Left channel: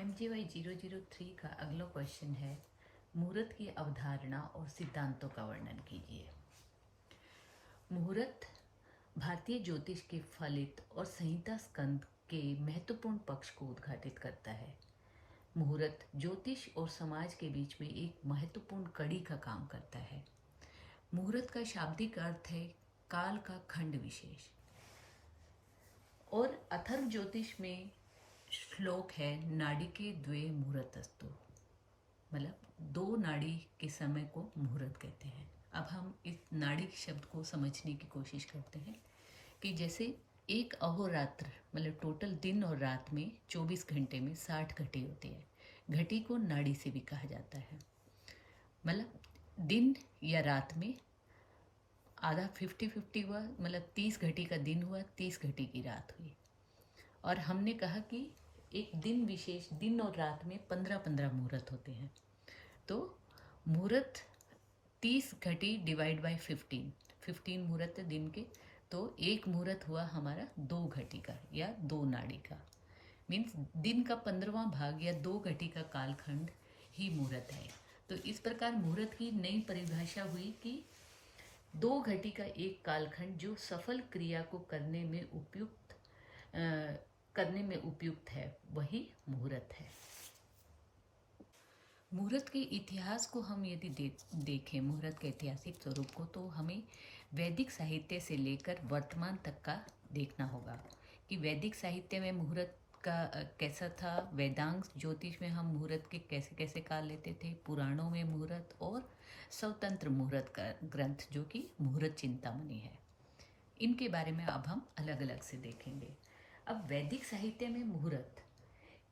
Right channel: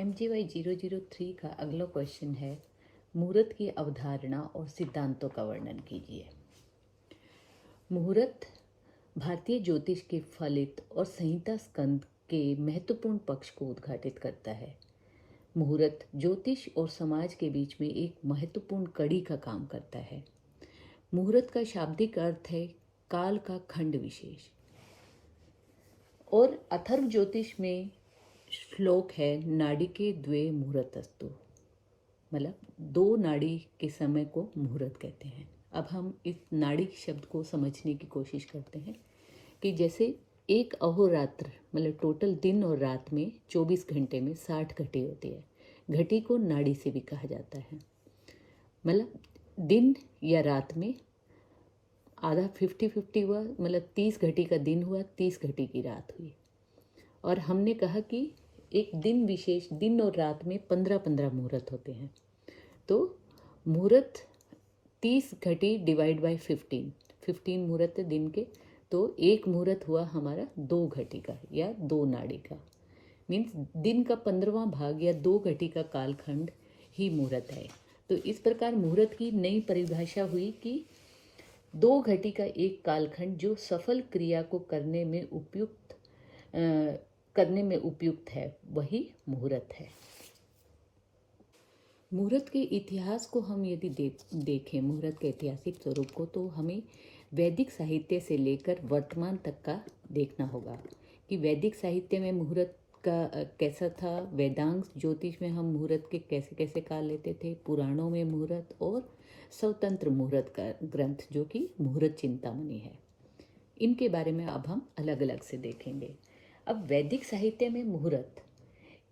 MGY 003 का अगला question है, मुहूर्त की अवधारणा और सिद्धांतों का वर्णन कीजिए। मुहूर्त भारतीय ज्योतिष के फलित और संहिता स्कंद के महत्वपूर्ण पक्ष को उद्घाटित करता है। मुहूर्त ज्योतिष और समाज के बीच में एक महत्वपूर्ण कड़ी का काम करता है। मुहूर्त का शाब्दिक अर्थ है काल का खंड विशेष, और अथर्व ज्योतिष में श्लोक है नाड़ी के द्वे मुहूर्तस्तु, मतलब दो नाड़ी के समय को मुहूर्त कहते हैं। अब हम इस नाड़ी शब्द को समझने की कोशिश करते हैं कि जैसे एक अहोरात्र मतलब टोटल दिन और रात में 24 घंटे में 60 घटी होती है। घटी को नाड़ी से भी कहा जाता है। मतलब दिन या रात में आधा 50-50 हुआ, मतलब 30 घटी का दिन हुआ, 30 घटी की रात हुई। और हमने कहा कि एक दिन विशेष, दिन और रात में 15-15 मुहूर्त होते हैं। तो मुहूर्त 30 घटी डिवाइड बाय 15 मुहूर्त है दिन के, तो एक मुहूर्त हुआ हमारा 2 घटी का या 2 नाड़ी का। मीन्स दिन का 15वां भाग या 2 घटी का कालखंड ही मुहूर्त है। तो इस प्रकार मुहूर्त की नई परिभाषा हुई कि 2 घटी का एक कालखंड जो सफल क्रिया को करने में उपयुक्त है, वही मुहूर्त है। मुहूर्त के इतिहास को हम यदि देखें, मुहूर्त के ऐतिहासिक स्वरूप को, तो हमें वैदिक साहित्य से लेकर वर्तमान तक का देखना होगा कि वैदिक साहित्य में मुहूर्त का कैसा था, वेदांग ज्योतिष में हम मुहूर्त के कैसे कैसे काल लेते थे, पुराणों में मुहूर्त, और स्वतंत्र मुहूर्त का ग्रंथ जो कि मुहूर्त चिंतामणि है, इनके बारे में अब हम अलग अलग से देखेंगे। अब वैदिक साहित्य में मुहूर्त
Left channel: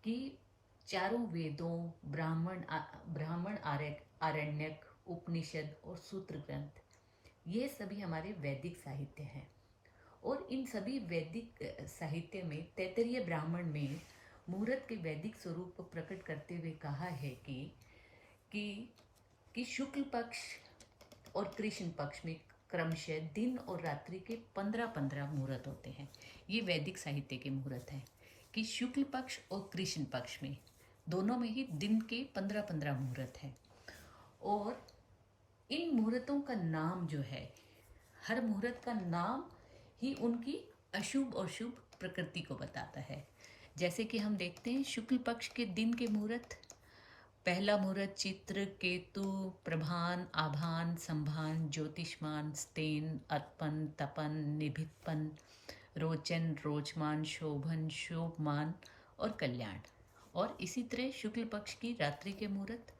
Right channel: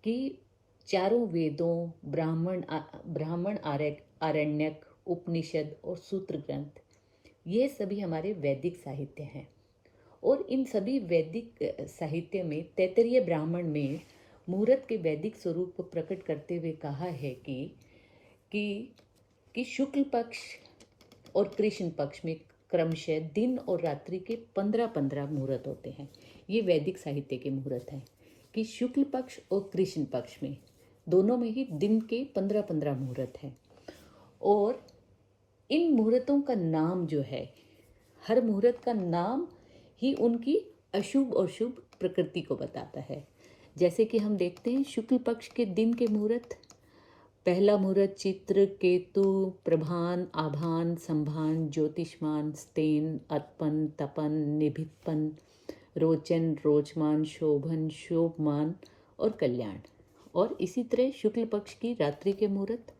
की चारों वेदों, ब्राह्मण आरण्यक, उपनिषद और सूत्र ग्रंथ, ये सभी हमारे वैदिक साहित्य हैं। और इन सभी वैदिक साहित्य में तैत्तरीय ब्राह्मण में मुहूर्त के वैदिक स्वरूप को प्रकट करते हुए कहा है कि शुक्ल पक्ष और कृष्ण पक्ष में क्रमशः दिन और रात्रि के 15-15 मुहूर्त होते हैं। ये वैदिक साहित्य के मुहूर्त हैं कि शुक्ल पक्ष और कृष्ण पक्ष में दोनों में ही दिन के 15-15 मुहूर्त हैं। और इन मुहूर्तों का नाम जो है, हर मुहूर्त का नाम ही उनकी अशुभ और शुभ प्रकृति को बताता है। जैसे कि हम देखते हैं शुक्ल पक्ष के दिन के मुहूर्त, पहला मुहूर्त चित्र, केतु, प्रभान, आभान, संभान, ज्योतिष्मान, स्तेन, अतपन, तपन, निभितपन, रोचन, रोचमान, शोभन, शोभमान और कल्याण। और इसी तरह शुक्ल पक्ष की रात्रि के मुहूर्त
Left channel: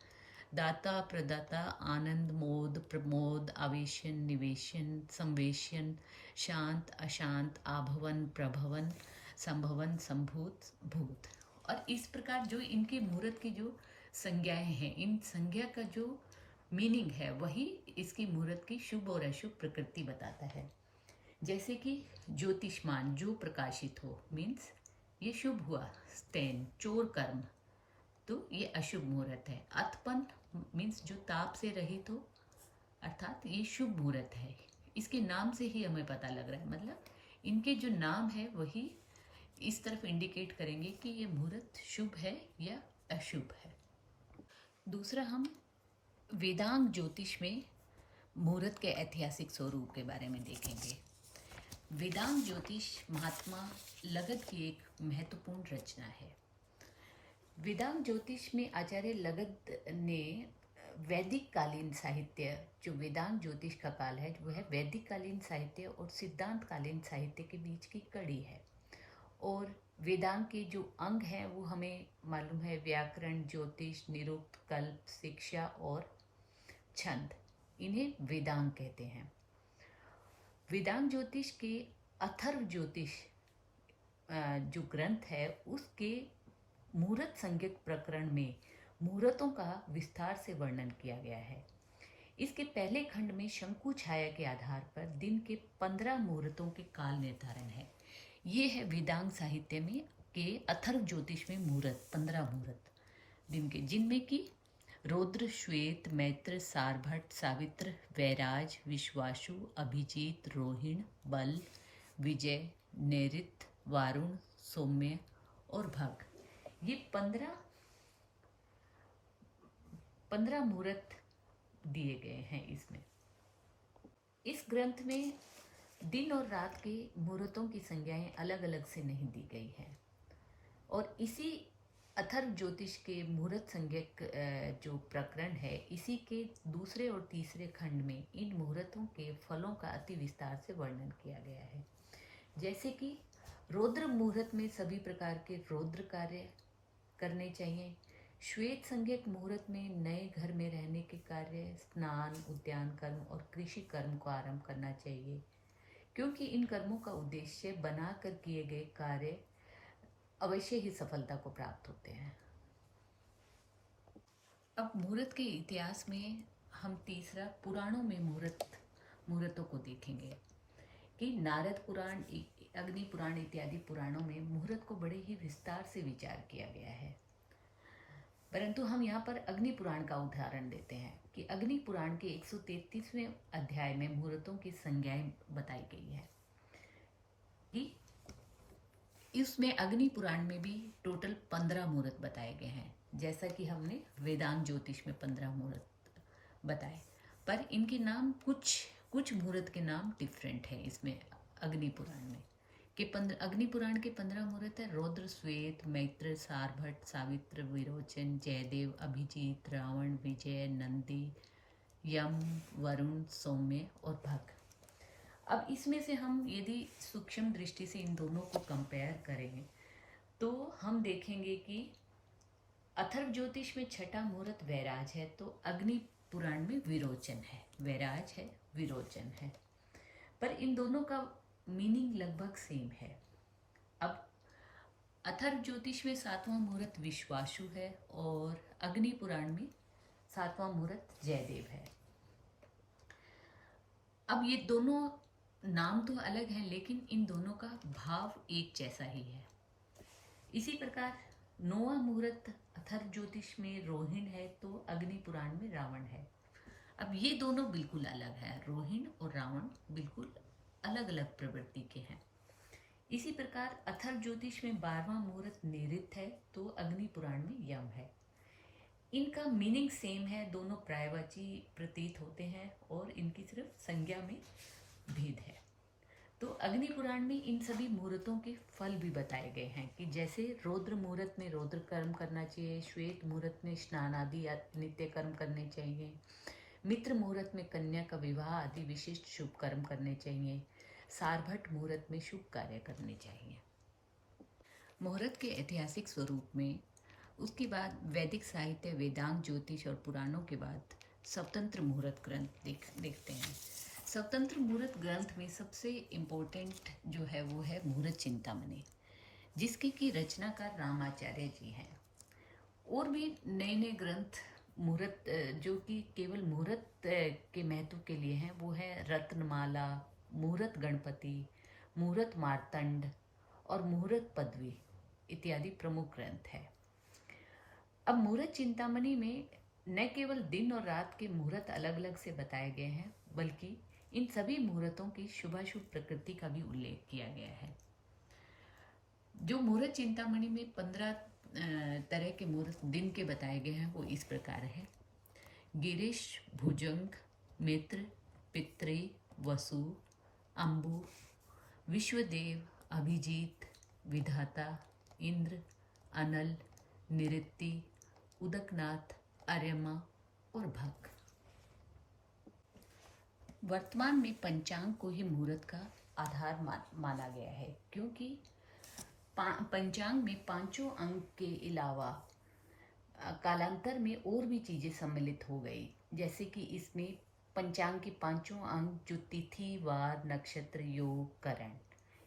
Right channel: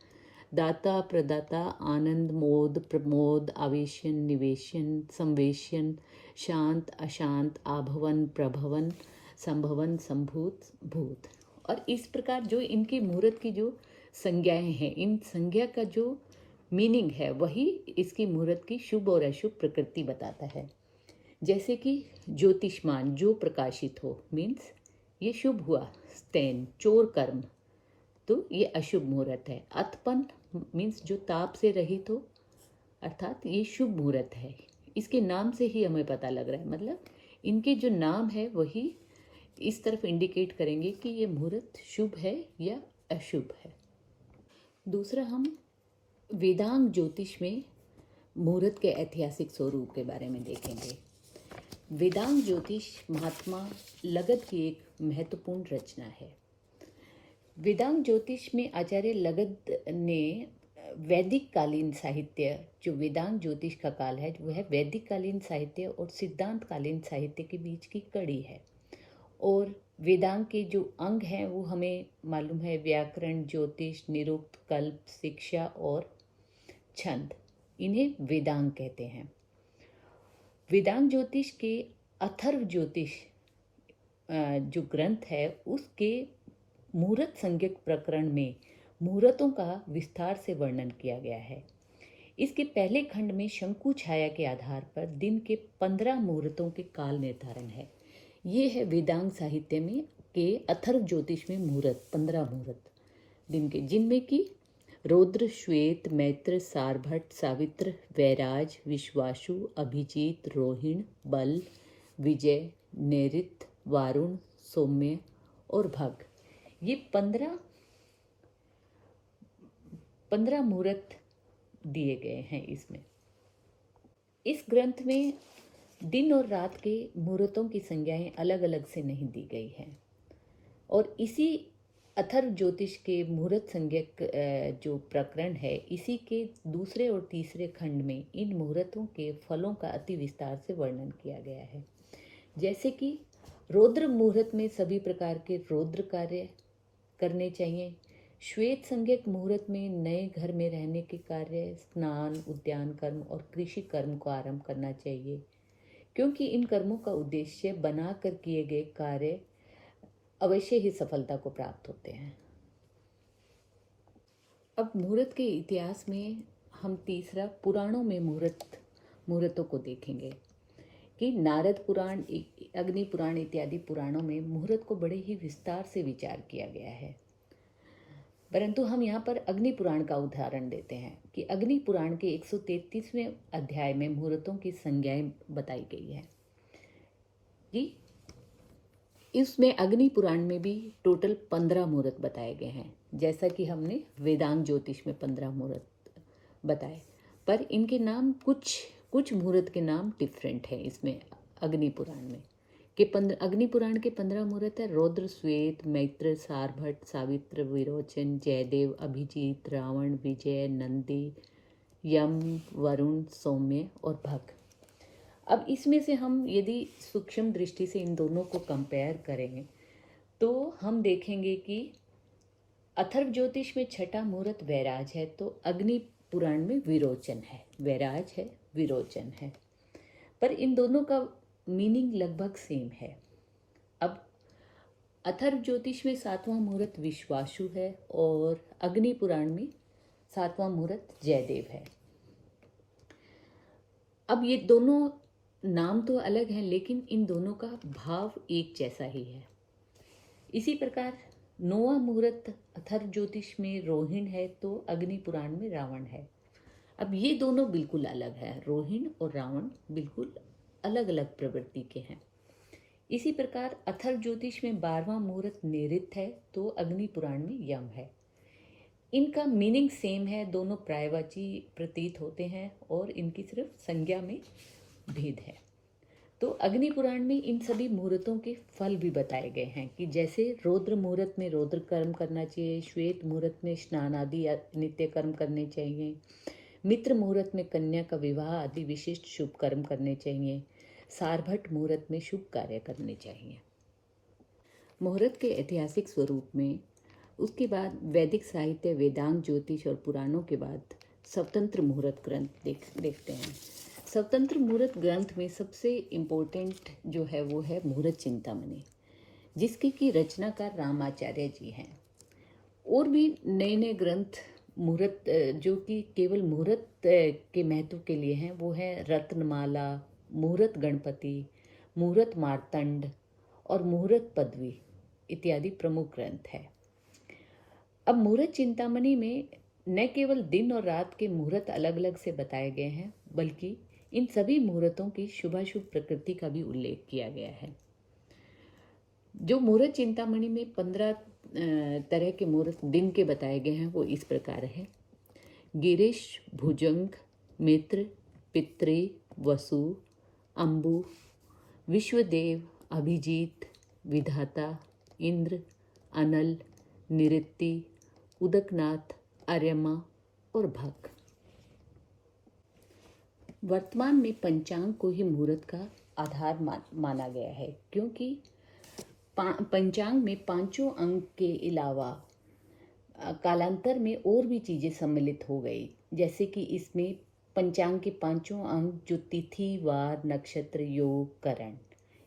दाता, प्रदाता, आनंद, मोद, प्रमोद, आवेशन, निवेशन, संवेशन, शांत, अशांत, आभवन, प्रभवन, संभवन, संभूत, भूत। और इस प्रकार जो इनकी मुहूर्त की जो संज्ञाएं हैं, इन संज्ञा का जो मीनिंग है, वही इसकी मुहूर्त की शुभ और अशुभ प्रकृति बताता है। जैसे कि ज्योतिष्मान, जो प्रकाशित हो, मीन्स ये शुभ हुआ। स्तैन, चोर कर्म, तो ये अशुभ मुहूर्त है। अतपन मीन्स जो ताप से रहित हो, अर्थात ये शुभ मुहूर्त है। इसके नाम से ही हमें पता लग रहा है, मतलब इनके जो नाम है वही इस तरफ इंडिकेट करेंगे कि ये मुहूर्त शुभ है या अशुभ है। दूसरा, हम वेदांग ज्योतिष में मुहूर्त के ऐतिहासिक स्वरूप के बारे में देखेंगे। वेदांग ज्योतिष महात्मा लगद की एक महत्वपूर्ण रचना है। वेदांग ज्योतिष में आचार्य लगद ने वैदिक कालीन साहित्य, जो वेदांग ज्योतिष का काल है, वह वैदिक कालीन साहित्य और सिद्धांत कालीन साहित्य के बीच की कड़ी है। और वेदांग के जो अंग हैं वो हमें मालूम है, व्याकरण, ज्योतिष, निरुक्त, कल्प, शिक्षा और छंद, इन्हें वेदांग कहते हैं। वेदांग ज्योतिष के अथर्व ज्योतिष जो ग्रंथ है, उसके मुहूर्त संज्ञक प्रकरण में मुहूर्तों का विस्तार से वर्णन किया गया है। इसके पहले खंड में शंकु छाया के आधार पर दिन के 15 मुहूर्तों के काल निर्धारण है। ये है वेदांग साहित्य में के अथर्व ज्योतिष में मुहूर्त, 15 मुहूर्त दिन के, जिनमें कि रौद्र, श्वेत, मैत्र, सारभट्ट, सावित्र, वैराज, विश्वासु, अभिजीत, रोहिण, बल, विजय, नैऋत, वारुण, सौम्य और भग, ये 15 15 मुहूर्त दिए गए हैं इसमें। इस ग्रंथ में दिन और रात के मुहूर्तों की संज्ञाएं अलग अलग से नहीं दी गई हैं और इसी अथर्व ज्योतिष के मुहूर्त संज्ञक जो प्रकरण है, इसी के दूसरे और तीसरे खंड में इन मुहूर्तों के फलों का अति विस्तार से वर्णन किया गया है। जैसे कि रौद्र मुहूर्त में सभी प्रकार के रौद्र कार्य करने चाहिए। श्वेत संज्ञक मुहूर्त में नए घर में रहने के कार्य, स्नान, उद्यान कर्म और कृषि कर्म को आरंभ करना चाहिए, क्योंकि इन कर्मों का उद्देश्य बनाकर किए गए कार्य अवश्य ही सफलता को प्राप्त होते हैं। अब मुहूर्त के इतिहास में हम तीसरा पुराणों में मुहूर्तों को देखेंगे कि नारद पुराण, अग्नि पुराण इत्यादि पुराणों में मुहूर्त को बड़े ही विस्तार से विचार किया गया है। परंतु हम यहाँ पर अग्नि पुराण का उदाहरण देते हैं कि अग्नि पुराण के 133वें अध्याय में मुहूर्तों की संज्ञाएं बताई गई है कि इसमें अग्नि पुराण में भी टोटल 15 मुहूर्त बताए गए हैं, जैसा कि हमने वेदांग ज्योतिष में 15 मुहूर्त बताए, पर इनके नाम कुछ मुहूर्त के नाम डिफरेंट हैं इसमें अग्नि पुराण में। अग्नि पुराण के 15 मुहूर्त है रौद्र, श्वेत, मैत्र, सारभट्ट, सावित्र, विरोचन, जयदेव, अभिजीत, रावण, विजय, नंदी, यम, वरुण, सौम्य और भग। अब इसमें से हम यदि सूक्ष्म दृष्टि से इन दोनों को कंपेयर करें तो हम देखेंगे कि अथर्व ज्योतिष में छठा मुहूर्त वैराज है, तो अग्नि पुराण में विरोचन है। वैराज है, विरोचन है, पर इन दोनों का मीनिंग लगभग सेम है। अब अथर्व ज्योतिष में 7वां मुहूर्त विश्वासु है और अग्नि पुराण में 7वां मुहूर्त जयदेव है। अब ये दोनों नाम तो अलग हैं, लेकिन इन दोनों का भाव एक जैसा ही है। इसी प्रकार 9वां मुहूर्त अथर्व ज्योतिष में रोहिण है तो अग्नि पुराण में रावण है। अब ये दोनों बिल्कुल अलग है, रोहिण और रावण बिल्कुल अलग अलग प्रवृत्ति के हैं। इसी प्रकार अथर्व ज्योतिष में 12वां मुहूर्त नैऋत्य है तो अग्नि पुराण में यम है। इनका मीनिंग सेम है, दोनों प्रायवाची प्रतीत होते हैं और इनकी सिर्फ संज्ञा में भेद है। तो अग्नि पुराण में इन सभी मुहूर्तों के फल भी बताए गए हैं कि जैसे रौद्र मुहूर्त में रौद्र कर्म करना चाहिए, श्वेत मुहूर्त में स्नान आदि नित्य कर्म करने चाहिए, मित्र मुहूर्त में कन्या का विवाह आदि विशिष्ट शुभ कर्म करने चाहिए, सारभट्ट मुहूर्त में शुभ कार्य करने चाहिए। मुहूर्त के ऐतिहासिक स्वरूप में उसके बाद वैदिक साहित्य, वेदांग ज्योतिष और पुराणों के बाद स्वतंत्र मुहूर्त ग्रंथ देखते हैं। स्वतंत्र मुहूर्त ग्रंथ में सबसे इम्पोर्टेंट जो है वो है मुहूर्त चिंतामणि, जिसकी की रचनाकार रामाचार्य जी हैं। और भी नए नए ग्रंथ मुहूर्त जो कि केवल मुहूर्त के महत्व के लिए हैं, वो है रत्नमाला, मुहूर्त गणपति, मुहूर्त मार्तंड और मुहूर्त पदवी इत्यादि प्रमुख ग्रंथ है। अब मुहूर्त चिंतामणि में न केवल दिन और रात के मुहूर्त अलग अलग से बताए गए हैं, बल्कि इन सभी मुहूर्तों की शुभाशुभ प्रकृति का भी उल्लेख किया गया है। जो मुहूर्त चिंतामणि में 15 तरह के मुहूर्त दिन के बताए गए हैं वो इस प्रकार है: गिरीश, भुजंग, मित्र, पितृ, वसु, अंबु, विश्वदेव, अभिजीत, विधाता, इंद्र, अनल, निऋत्ति, उदकनाथ, आर्यमा और भग। वर्तमान में पंचांग को ही मुहूर्त का आधार माना गया है, क्योंकि पंचांग में पांचों अंग के अलावा कालांतर में और भी चीज़ें सम्मिलित हो गई, जैसे कि इसमें पंचांग के पांचों अंग जो तिथि, वार, नक्षत्र, योग, करण,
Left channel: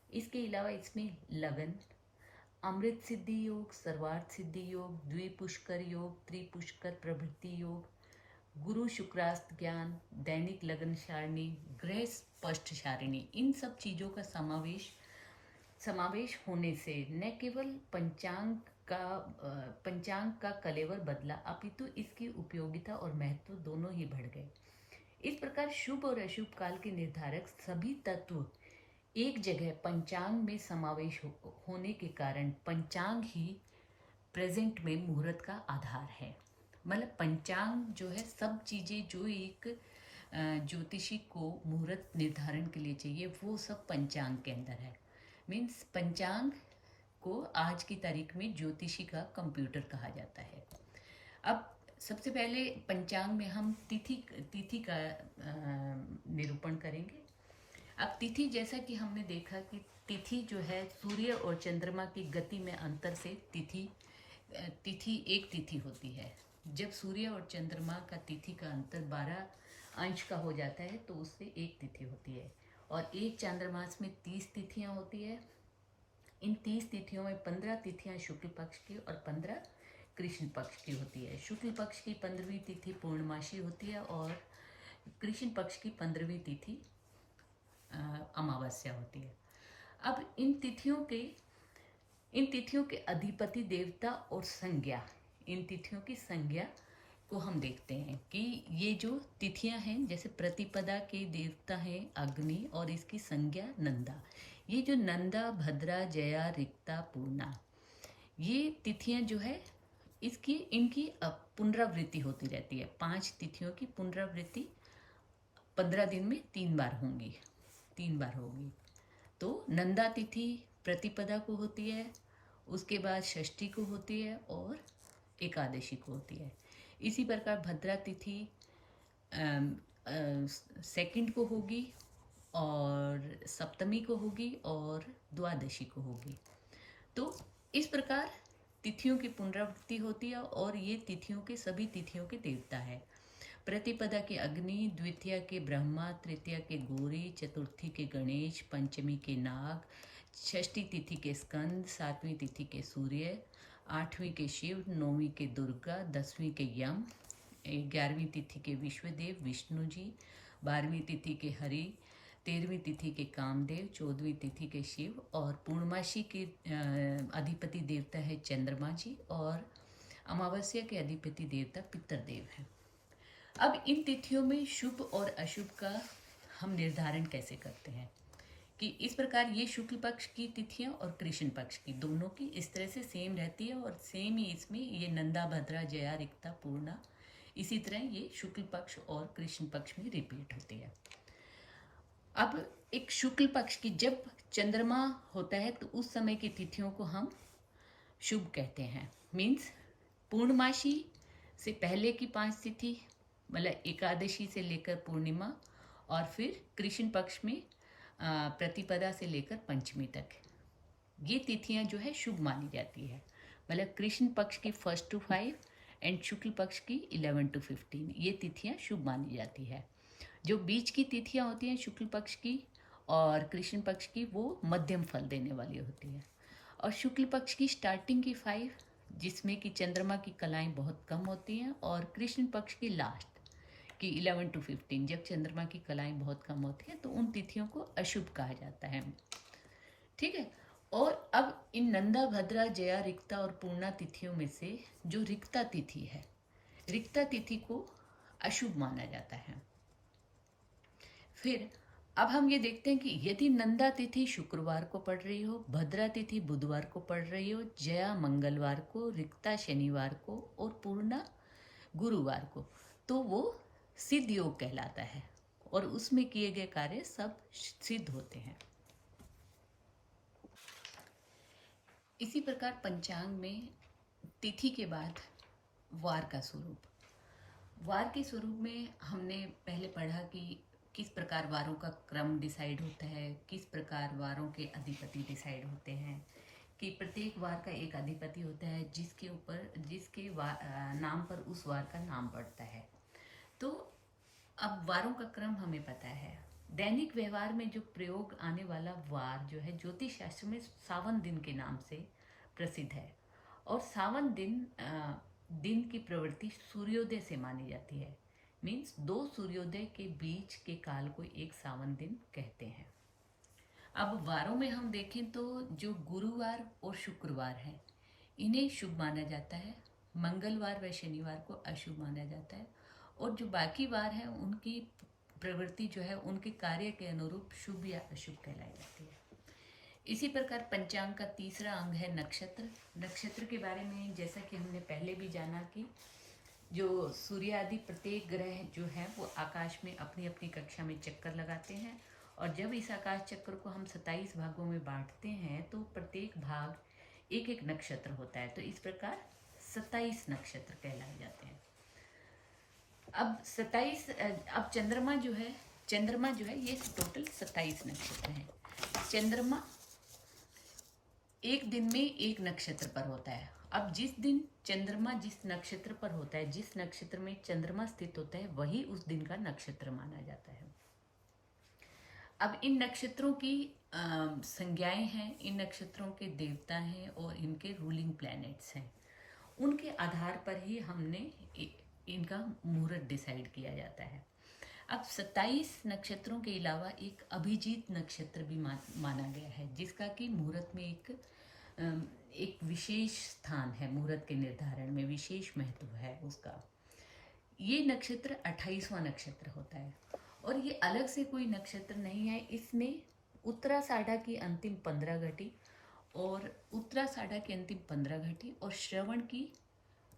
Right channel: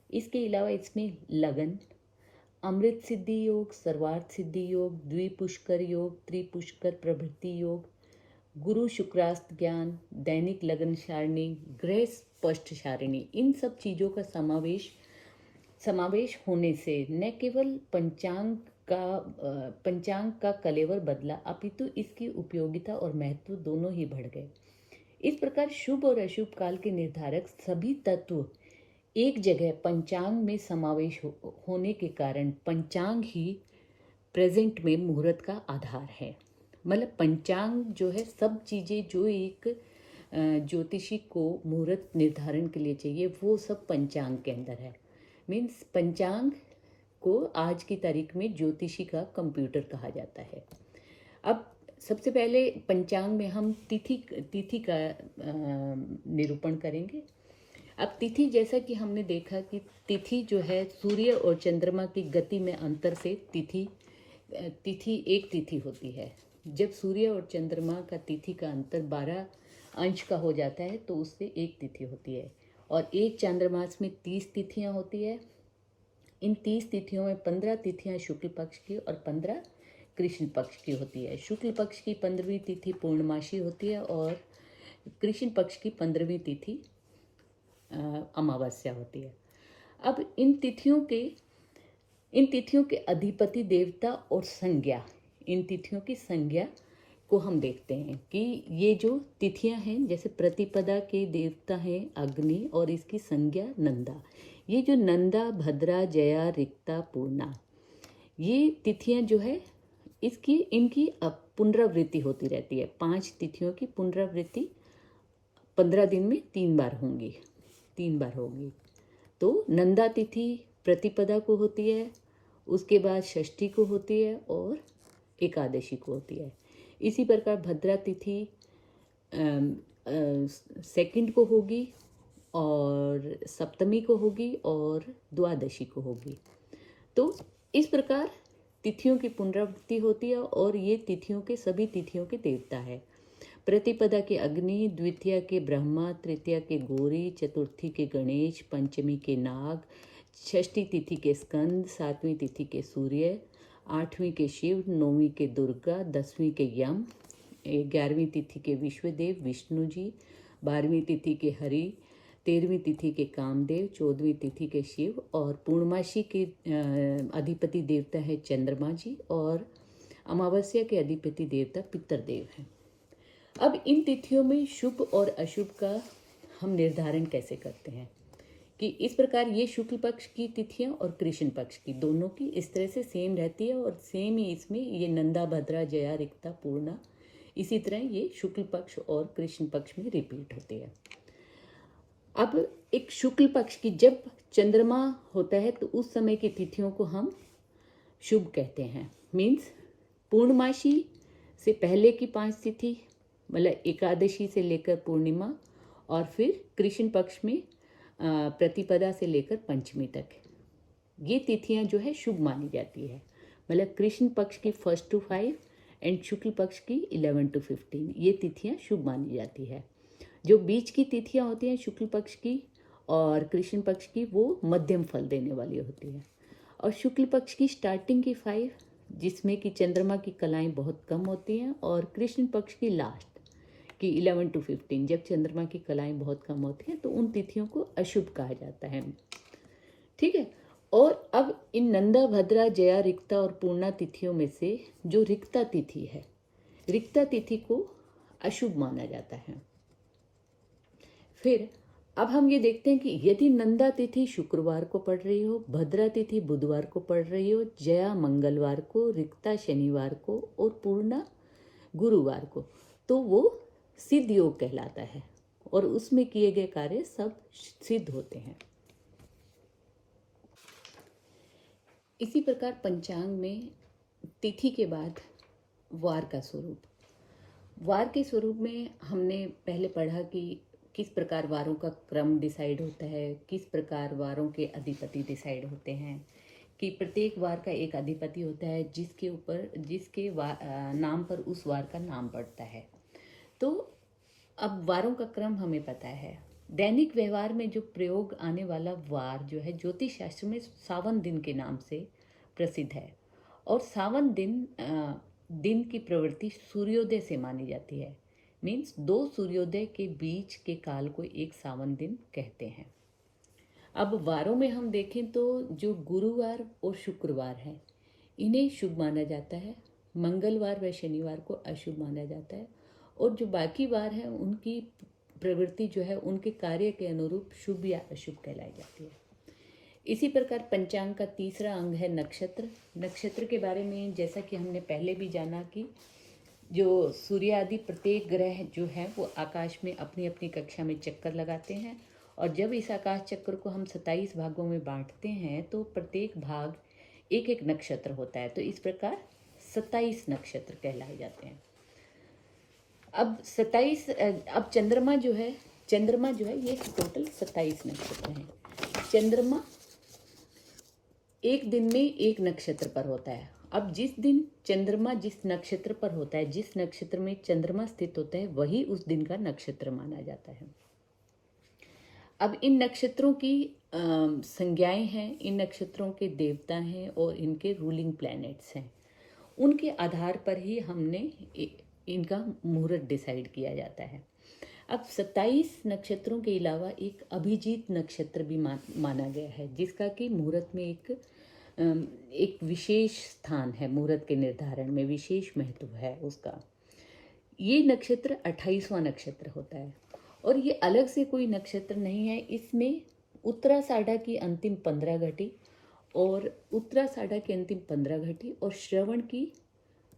इसके अलावा इसमें लगन, अमृत सिद्धि योग, सर्वार्थ सिद्धि योग, द्विपुष्कर योग, त्रिपुष्कर प्रभृति योग, गुरु शुक्रास्त ज्ञान, दैनिक लगन सारणी, ग्रह स्पष्ट सारणी, इन सब चीज़ों का समावेश होने से न केवल पंचांग का कलेवर बदला, अपितु इसकी उपयोगिता और महत्व दोनों ही बढ़ गए। इस प्रकार शुभ और अशुभ काल के निर्धारक सभी तत्व एक जगह पंचांग में समावेश होने के कारण पंचांग ही प्रेजेंट में मुहूर्त का आधार है। मतलब पंचांग जो है सब चीज़ें जो एक ज्योतिषी को मुहूर्त निर्धारण के लिए चाहिए वो सब पंचांग के अंदर है। मीन्स पंचांग को आज की तारीख में ज्योतिषी का कंप्यूटर कहा जाता है। अब सबसे पहले पंचांग में हम तिथि तिथि का निरूपण करेंगे। अब तिथि, जैसा कि हमने देखा कि तिथि जो है सूर्य और चंद्रमा की गति में अंतर से तिथि एक तिथि होती है। जब सूर्य और चंद्रमा का तिथि का अंतर 12 अंश का हो जाता है तो उससे एक तिथि होती है। और एक चांद्रमास में 30 तिथियां होती है। इन 30 तिथियों में 15 तिथियां शुक्ल पक्ष की और 15 कृष्ण पक्ष की होती है। शुक्ल पक्ष की 15वीं तिथि पूर्णमासी होती है और कृष्ण पक्ष की 15वीं तिथि अमावस्या होती है। अब इन तिथियों के अधिपति देवता और संज्ञा, इन तिथियों की संज्ञा को हम देखते हैं कि ये जो तिथियां हैं, जैसे प्रतिपदा के देवता हैं अग्नि और इसकी संज्ञा नंदा। ये जो नंदा, भद्रा, जया, रिक्ता, पूर्णा, ये तिथियां जो है इनकी पुनरावृत्ति होती रहती है। 5 तिथियों की पुनरावृत्ति 15 दिन में 3 बार होगी। तो नंदा तिथि प्रतिपदा को होती है, उसके बाद षष्ठी को होती है और एकादशी को होती है। इसी प्रकार भद्रा तिथि सेकंड को होगी और सप्तमी को होगी और द्वादशी को होगी। तो इस प्रकार तिथियों की पुनरावृत्ति होती है और ये तिथियों के सभी तिथियों के देवता है। प्रतिपदा के अग्नि, द्वितीया के ब्रह्मा, तृतीया के गौरी, चतुर्थी के गणेश, पंचमी के नाग, षष्ठी तिथि के स्कंद, 7वीं तिथि के सूर्य, 8वीं के शिव, 9वीं के दुर्गा, 10वीं के यम, 11वीं तिथि के विश्वदेव विष्णु जी, 12वीं तिथि के हरि, 13वीं तिथि के कामदेव, 14वीं तिथि के शिव और पूर्णमासी के अधिपति देवता है चंद्रमा जी और अमावस्या के अधिपति देवता पितरदेव हैं। अब इन तिथियों में शुभ और अशुभ का हम निर्धारण कैसे करते हैं कि इस प्रकार ये शुक्ल पक्ष की तिथियां और कृष्ण पक्ष की दोनों की इस तरह से सेम रहती है और सेम ही इसमें ये नंदा, भद्रा, जया, रिक्ता, पूर्णा इसी तरह ये शुक्ल पक्ष और कृष्ण पक्ष में रिपीट होती है। अब एक शुक्ल पक्ष की जब चंद्रमा होता है तो उस समय की तिथियों को हम शुभ कहते हैं। मीन्स पूर्णमासी से पहले की 5 तिथि, मतलब एकादशी से लेकर पूर्णिमा और फिर कृष्ण पक्ष में प्रतिपदा से लेकर पंचमी तक, ये तिथियां जो है शुभ मानी जाती है। मतलब कृष्ण पक्ष की 1 to 5 एंड शुक्ल पक्ष की 11 to 15 ये तिथियां शुभ मानी जाती है। जो बीच की तिथियां होती हैं शुक्ल पक्ष की और कृष्ण पक्ष की, वो मध्यम फल देने वाली होती है। और शुक्ल पक्ष की स्टार्टिंग की 5 जिसमें कि चंद्रमा की कलाएं बहुत कम होती हैं और कृष्ण पक्ष की लास्ट कि 11 to 15 जब चंद्रमा की कलाएं बहुत कम होती हैं तो उन तिथियों को अशुभ कहा जाता है। ठीक है। और अब इन नंदा, भद्रा, जया, रिक्ता और पूर्णा तिथियों में से जो रिक्ता तिथि है, रिक्ता तिथि को अशुभ माना जाता है। फिर अब हम ये देखते हैं कि यदि नंदा तिथि शुक्रवार को पड़ रही हो, भद्रा तिथि बुधवार को पड़ रही हो, जया मंगलवार को, रिक्ता शनिवार को और पूर्णा गुरुवार को, तो वो सिद्ध योग कहलाता है और उसमें किए गए कार्य सब सिद्ध होते हैं। इसी प्रकार पंचांग में तिथि के बाद वार का स्वरूप, वार के स्वरूप में हमने पहले पढ़ा कि किस प्रकार वारों का क्रम डिसाइड होता है, किस प्रकार वारों के अधिपति डिसाइड होते हैं, कि प्रत्येक वार का एक अधिपति होता है जिसके नाम पर उस वार का नाम पड़ता है। तो अब वारों का क्रम हमें पता है। दैनिक व्यवहार में जो प्रयोग आने वाला वार जो है ज्योतिष शास्त्र में सावन दिन के नाम से प्रसिद्ध है और सावन दिन की प्रवृत्ति सूर्योदय से मानी जाती है। मीन्स 2 सूर्योदय के बीच के काल को एक सावन दिन कहते हैं। अब वारों में हम देखें तो जो गुरुवार और शुक्रवार है इन्हें शुभ माना जाता है, मंगलवार व शनिवार को अशुभ माना जाता है और जो बाकी वार हैं उनकी प्रवृत्ति जो है उनके कार्य के अनुरूप शुभ या अशुभ कहलाई जाती है। इसी प्रकार पंचांग का तीसरा अंग है नक्षत्र। नक्षत्र के बारे में जैसा कि हमने पहले भी जाना कि जो सूर्य आदि प्रत्येक ग्रह जो है वो आकाश में अपनी अपनी कक्षा में चक्कर लगाते हैं, और जब इस आकाश चक्र को हम 27 भागों में बांटते हैं तो प्रत्येक भाग एक एक नक्षत्र होता है। तो इस प्रकार 27 नक्षत्र कहलाए जाते हैं। अब 27, अब चंद्रमा जो है ये टोटल 27 नक्षत्र हैं। चंद्रमा एक दिन में एक नक्षत्र पर होता है। अब जिस दिन चंद्रमा जिस नक्षत्र पर होता है, जिस नक्षत्र में चंद्रमा स्थित होता है, वही उस दिन का नक्षत्र माना जाता है। अब इन नक्षत्रों की संज्ञाएं हैं, इन नक्षत्रों के देवता हैं और इनके रूलिंग प्लैनेट्स हैं। उनके आधार पर ही हमने इनका मुहूर्त डिसाइड किया जाता है। अब 27 नक्षत्रों के अलावा एक अभिजीत नक्षत्र भी माना गया है, जिसका कि मुहूर्त में एक विशेष स्थान है, मुहूर्त के निर्धारण में विशेष महत्व है उसका। ये नक्षत्र 28वां नक्षत्र होता है और ये अलग से कोई नक्षत्र नहीं है। इसमें उत्तराषाढ़ा की अंतिम 15 घटी और उत्तराषाढ़ा की अंतिम 15 घटी और श्रवण की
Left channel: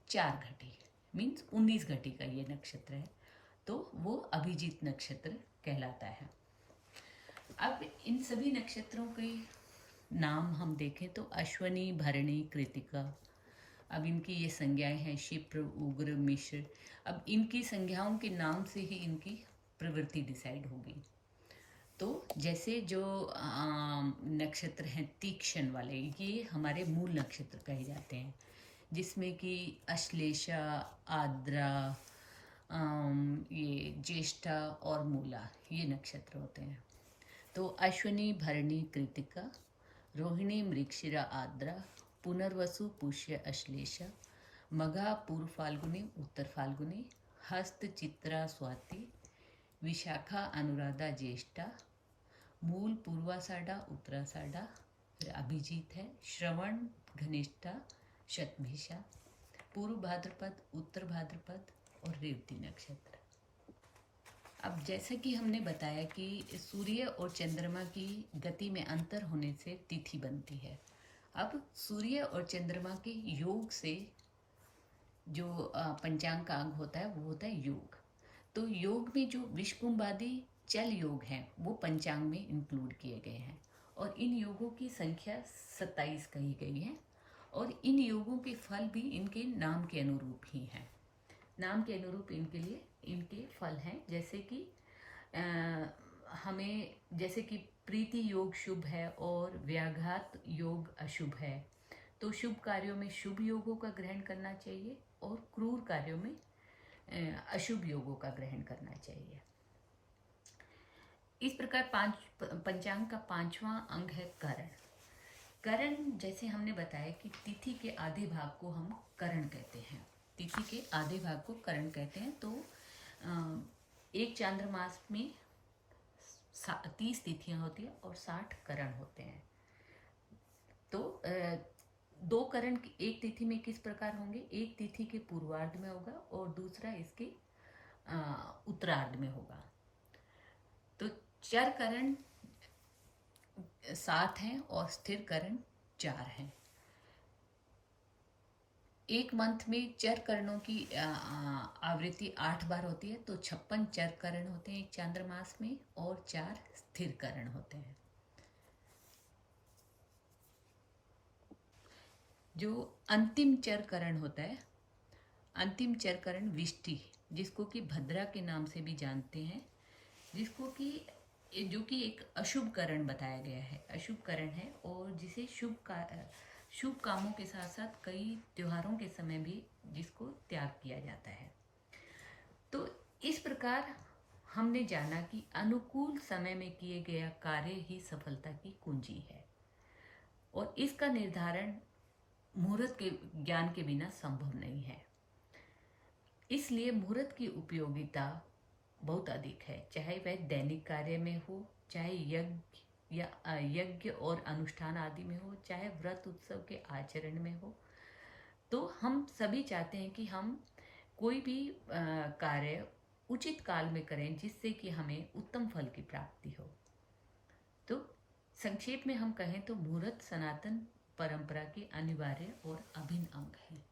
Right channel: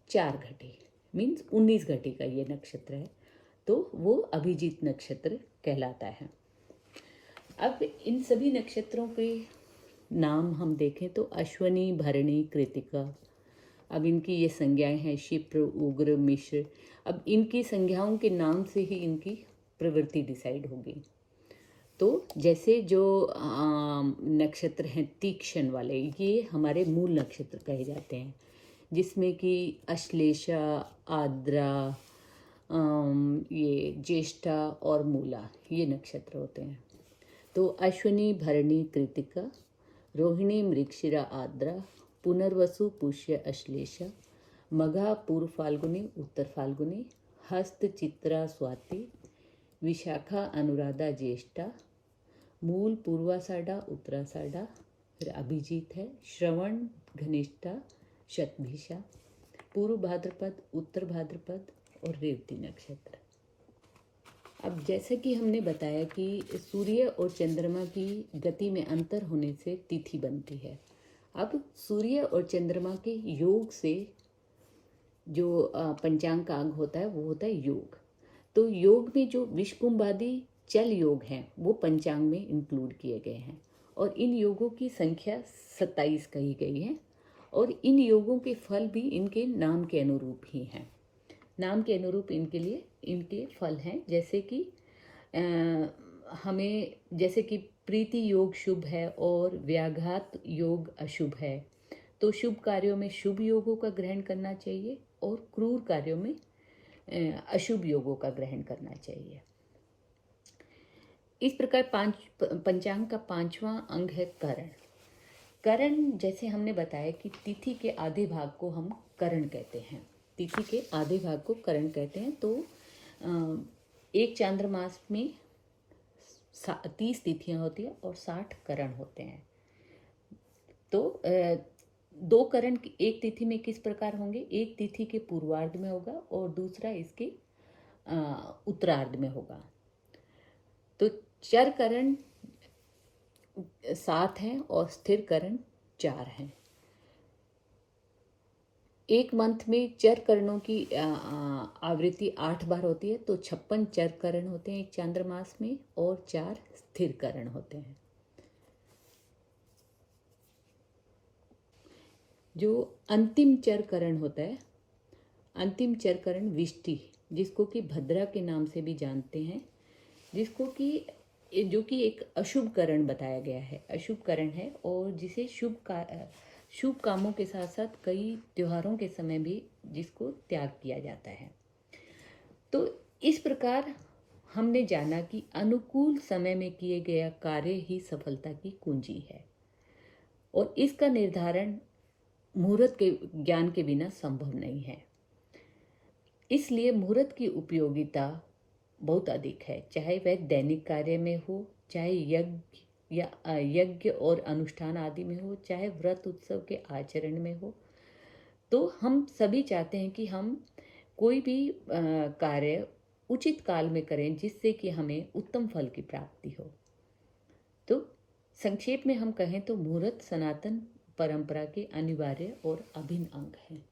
4 घटी, मीन्स 19 घटी का ये नक्षत्र है, तो वो अभिजीत नक्षत्र कहलाता है। अब इन सभी नक्षत्रों के नाम हम देखें तो अश्वनी, भरणी, कृतिका। अब इनकी ये संज्ञाएं हैं क्षिप्र, उग्र, मिश्र। अब इनकी संज्ञाओं के नाम से ही इनकी प्रवृत्ति डिसाइड होगी। तो जैसे जो नक्षत्र हैं तीक्ष्ण वाले, ये हमारे मूल नक्षत्र कहे जाते हैं, जिसमें कि अश्लेषा, आद्रा, ये ज्येष्ठा और मूला, ये नक्षत्र होते हैं। तो अश्विनी, भरणी, कृतिका, रोहिणी, मृगशिरा, आद्रा, पुनर्वसु, पुष्य, अश्लेषा, मघा, पूर्व फाल्गुनी, उत्तर फाल्गुनी, हस्त, चित्रा, स्वाति, विशाखा, अनुराधा, ज्येष्ठा, मूल, पूर्वाषाढ़ा, उत्तराषाढ़ा, फिर अभिजीत है, श्रवण, घनिष्ठा, शतभिषा, पूर्व भाद्रपद, उत्तर भाद्रपद और रेवती नक्षत्र। अब जैसे कि हमने बताया कि सूर्य और चंद्रमा की गति में अंतर होने से तिथि बनती है। अब सूर्य और चंद्रमा के योग से जो पंचांग का अंग होता है वो होता है योग। तो योग में जो विषकुंभ आदि चल योग हैं वो पंचांग में इंक्लूड किए गए हैं और इन योगों की संख्या 27 कही गई है और इन योगों के फल भी इनके नाम के अनुरूप ही हैं। नाम के अनुरूप इनके फल हैं, जैसे कि हमें जैसे कि प्रीति योग शुभ है और व्याघात योग अशुभ है, तो शुभ कार्यों में शुभ योगों का ग्रहण करना चाहिए और क्रूर कार्यों में अशुभ योगों का ग्रहण करना चाहिए। इस प्रकार पंचांग का 5वां अंग है करण। करण, जैसे हमने बताया कि तिथि के आधे भाग को हम करण कहते हैं, तिथि के आधे भाग को करण कहते हैं। तो एक चांद्रमास में 30 तिथियां होती है और 60 करण होते हैं। तो 2 करण एक तिथि में किस प्रकार होंगे, एक तिथि के पूर्वार्ध में होगा और दूसरा इसके उत्तरार्ध में होगा। तो चर करण 7 हैं और स्थिर करण 4 हैं। एक मंथ में चर करणों की आवृत्ति 8 बार होती है, तो 56 चर करण होते हैं एक चांद्रमास में और 4 स्थिर करण होते हैं। जो अंतिम चर करण होता है, अंतिम चर करण विष्टि, जिसको कि भद्रा के नाम से भी जानते हैं, जिसको कि जो कि एक अशुभ करण बताया गया है, अशुभ करण है और जिसे शुभ कामों के साथ साथ कई त्योहारों के समय भी जिसको त्याग किया जाता है। तो इस प्रकार हमने जाना कि अनुकूल समय में किए गया कार्य ही सफलता की कुंजी है और इसका निर्धारण मुहूर्त के ज्ञान के बिना संभव नहीं है। इसलिए मुहूर्त की उपयोगिता बहुत अधिक है, चाहे वह दैनिक कार्य में हो, चाहे यज्ञ और अनुष्ठान आदि में हो, चाहे व्रत उत्सव के आचरण में हो। तो हम सभी चाहते हैं कि हम कोई भी कार्य उचित काल में करें जिससे कि हमें उत्तम फल की प्राप्ति हो। तो संक्षेप में हम कहें तो मुहूर्त सनातन परंपरा के अनिवार्य और अभिन्न अंग हैं।